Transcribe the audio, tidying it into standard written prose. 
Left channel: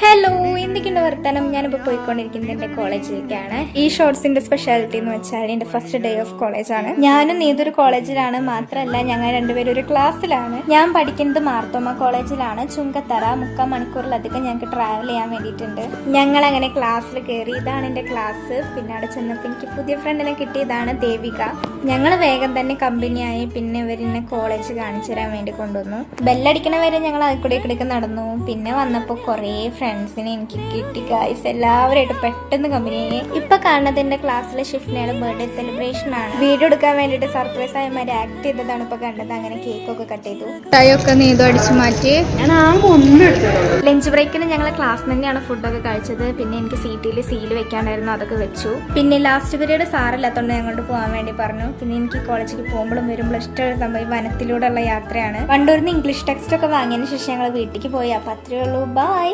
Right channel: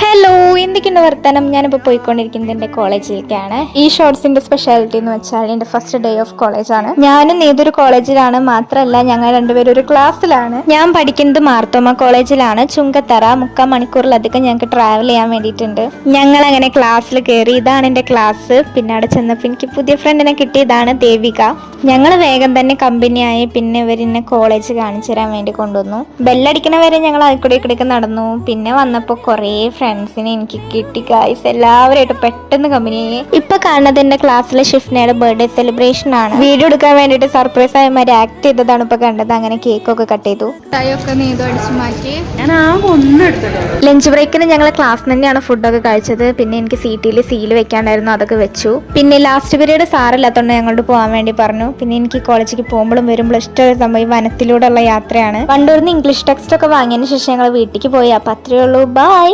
Hello, എന്തൊക്കെയുണ്ട് വർത്തമാനം? ഞാനിപ്പോൾ പോയിക്കൊണ്ടിരിക്കുന്നത് എൻ്റെ കോളേജിലേക്കാണ്. ഈ ഷോർട്സിന്റെ സ്പെഷ്യാലിറ്റി എന്ന് വെച്ചാൽ എൻ്റെ ഫസ്റ്റ് ഡേ ഓഫ് കോളേജാണ്. ഞാനും ഏതൊരു കോളേജിലാണ്, മാത്രമല്ല ഞങ്ങൾ രണ്ടുപേരും ഒരു ക്ലാസ്സിലാണ്. ഞാൻ പഠിക്കുന്നത് മാർത്തോമ കോളേജിലാണ്. ചുങ്കത്തറ 3/4 മണിക്കൂറിലധികം ഞങ്ങൾക്ക് ട്രാവൽ ചെയ്യാൻ വേണ്ടിയിട്ടുണ്ട്. ഞങ്ങൾ അങ്ങനെ ക്ലാസ്സിൽ കയറി. ഇതാണ് എൻ്റെ ക്ലാസ്. പിന്നെ അവിടെ ചെന്നപ്പോൾ എനിക്ക് പുതിയ ഫ്രണ്ടിനെ കിട്ടിയതാണ് ദേവിക. ഞങ്ങൾ വേഗം തന്നെ കമ്പനിയായി. പിന്നെ ഇവരെന്നെ കോളേജ് കാണിച്ചു തരാൻ വേണ്ടി കൊണ്ടുവന്നു. ബെല്ലടിക്കണ വരെ ഞങ്ങൾ അതിക്കൂടെ നടന്നു. പിന്നെ വന്നപ്പോൾ കുറേ ഫ്രണ്ട്സിനെ എനിക്ക് കിട്ടി ഗൈസ്. എല്ലാവരുമായിട്ട് പെട്ടെന്ന് കമ്പനിയായി. ഇപ്പൊ കാണുന്നത് എന്റെ ക്ലാസ്സിലെ ഷിഫ്നയുടെ ബർത്ത്ഡേ സെലിബ്രേഷൻ ആണ്. വീഡിയോ എടുക്കാൻ വേണ്ടിയിട്ട് സർപ്രൈസ് ആയി ആക്ട് ചെയ്തതാണ് ഇപ്പൊ കണ്ടത്. അങ്ങനെ കേക്കൊക്കെ കട്ട് ചെയ്തു, ടൈയൊക്കെ നീതു അടിച്ചു മാറ്റി. ലഞ്ച് ബ്രേക്കിന് ഞങ്ങൾ ക്ലാസ് തന്നെയാണ് ഫുഡൊക്കെ കഴിച്ചത്. പിന്നെ എനിക്ക് സീറ്റിൽ സീൽ വെക്കാണ്ടായിരുന്നു, അതൊക്കെ വെച്ചു. പിന്നെ ലാസ്റ്റ് പീരീഡ് സാറില്ലാത്തതുകൊണ്ട് ഞങ്ങളോട് പോകാൻ വേണ്ടി പറഞ്ഞു. പിന്നെ എനിക്ക് കോളേജിലേക്ക് പോകുമ്പോഴും വരുമ്പോഴും ഇഷ്ടമുള്ള സംഭവം വനത്തിലൂടെയുള്ള യാത്രയാണ്. വണ്ടൂരിൽ നിന്ന് ഇംഗ്ലീഷ് ടെക്സ്റ്റ് ഒക്കെ വാങ്ങിയതിന് ശേഷം ഞങ്ങൾ വീട്ടിലേക്ക് പോയി. അപ്പൊ അത്രയേ ഉള്ളൂ. ബൈ.